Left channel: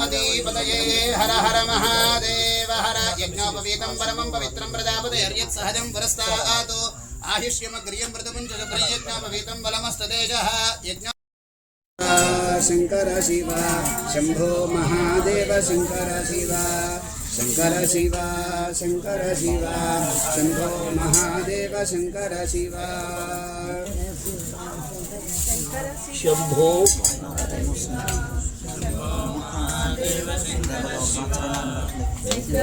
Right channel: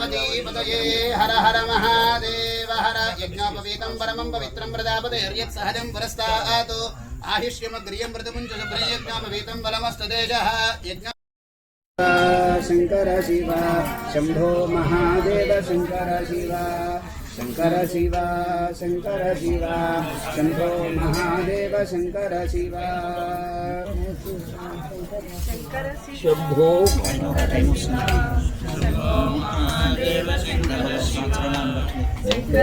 పార్వతీపతయే హర హర మహాదేవ హర యజ్ఞోపవీతం పరమం పవిత్రం ప్రజాపతిర్యత్ సహజం పురస్తాతు ఆయుష్యమగ్రియం మృతముంచ యజ్ఞోపవీతం బలమస్తదేజ యజ్ఞ శంకర శివ శంభో మహాదేవ శంకర శివ శంకర శివ శంకర శివ శంభో మహాదేవ శంకర శివ శంభో ॐ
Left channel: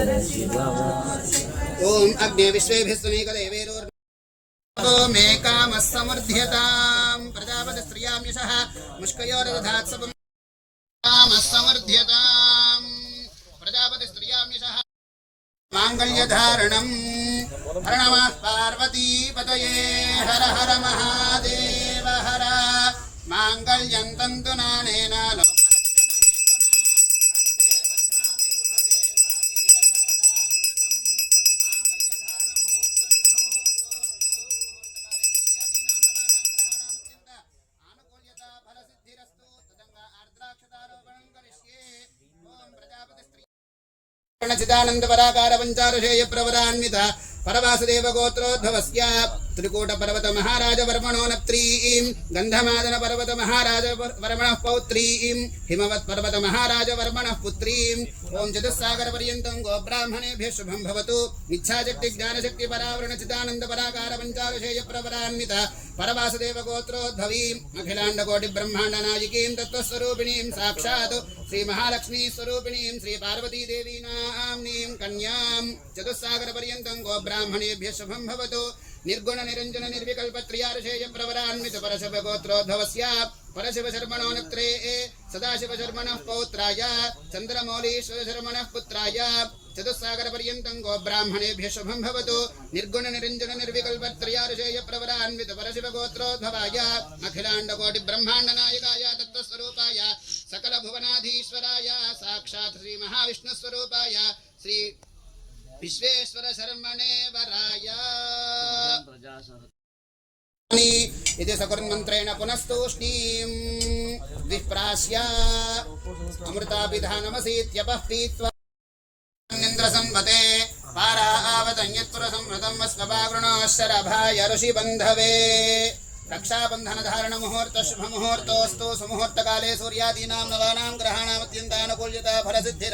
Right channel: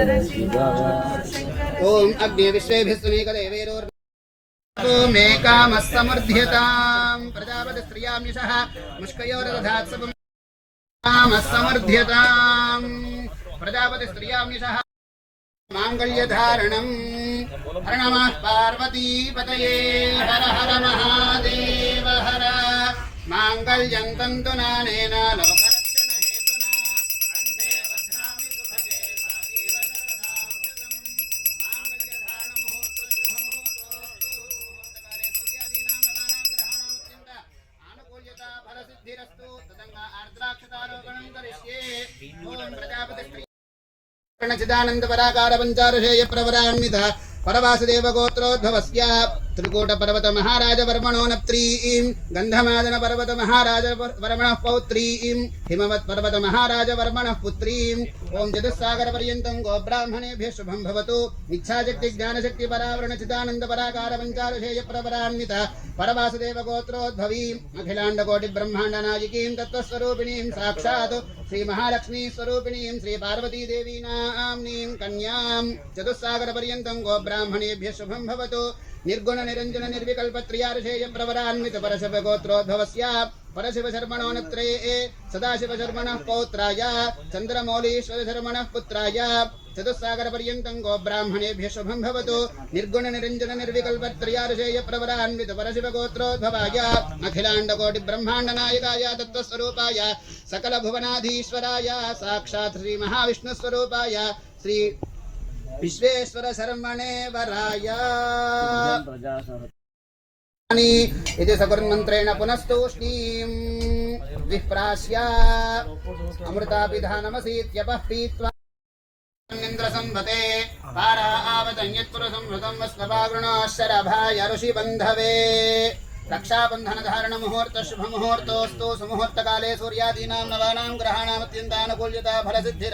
अग्निविश्वेभिः सुनीकदेवेरोर् मे कामः समर्थ्यताम् प्रजापतिस्त्रियाम्युषः मुष्कयोरदधात् सपम् कामः समर्थ्यताम् प्रजापतिस्त्रियाम्युषः माङ्गल्यधारणम् हर नमः पार्वतीपतये। हर हर महादेव हर। माङ्गल्यं तन्तुनानेन लोक साक्षादारोपणं करिष्ये ॐ प्रजापतिस्त्री प्रणचिदानन्दपराकारपञ्चारशेयप्रवरान्वितः परवासदेवगोत्रोद्धवस्य త్రికూటపర్వత మహారాజ వర్మణో నప్త్రీం గంధమాదన పర్వత మహారాజ వర్మణ పౌత్రీం హిమవత్ పర్వత మహారాజ వర్మణ పుత్రీం ఓం చతుస్సాగర పర్యంతం గోబ్రాహ్మణేభ్య శుభం భవతు ఇచ్ఛాశక్తి జ్ఞానశక్తి పరావరణ చిదానంద పరాకార పంచారుషేయ ప్రవరాన్విత పరవాసుదేవ గోత్రోద్భవీం అఖిలాండ కోటి బ్రహ్మాండ నాయకీం తత్వస్వరూపిణీం సాక్షాత్ శ్రీ మహాలక్ష్మీ స్వరూపిణీం శ్రీ పార్వతీదేవీ నామ్నీం కన్యాం చతుస్సాగర పర్యంతం గోబ్రాహ్మణేభ్య శుభం భవతు निर्गुण निरञ्जन निर्विकल्प त्रियार्षेय प्रवरान्वित परशव गोत्रोद्भवस्य परशिव शर्मणो नत्रे सदाशिव शर्मणः पौत्राय। चन्द्रमौलीश्वर शर्मणः पुत्राय। चतुस्सागर पर्यन्तं गोब्राह्मणेभ्यः शुभं भवतु। निर्गुण निरञ्जन निर्विकल्प त्रयार्षेय प्रवरान्वित परशिव गोत्रोद्भवाय अखिलाण्ड कोटि ब्रह्माण्ड नायकाय तत्त्वस्वरूपाय। सकल भुवनाधीश्वराय साक्षात् श्री महाविष्णुस्वरूपाय श्री విశ్వేశ్వర శర్మణే వరాయ ఇది సగుర్మంత్రేణ పునస్తూష్ణీం. విప్రాస్య. అమృతాభిధానమసీత్యపః పీత్వా సంవతే పారా ఆవతన్యత్తుర సంవృతం వస్వపాగృణాశరభాయ ఋషిబంధవే. రక్షాబంధన ధారణ ముహూర్త శుభ ముహూర్తోస్తు సుముహూర్తకాలే సూర్యాదీనాం నవానాం గ్రహాణామత్యంతానుకూల్యత ఫలసిద్ధి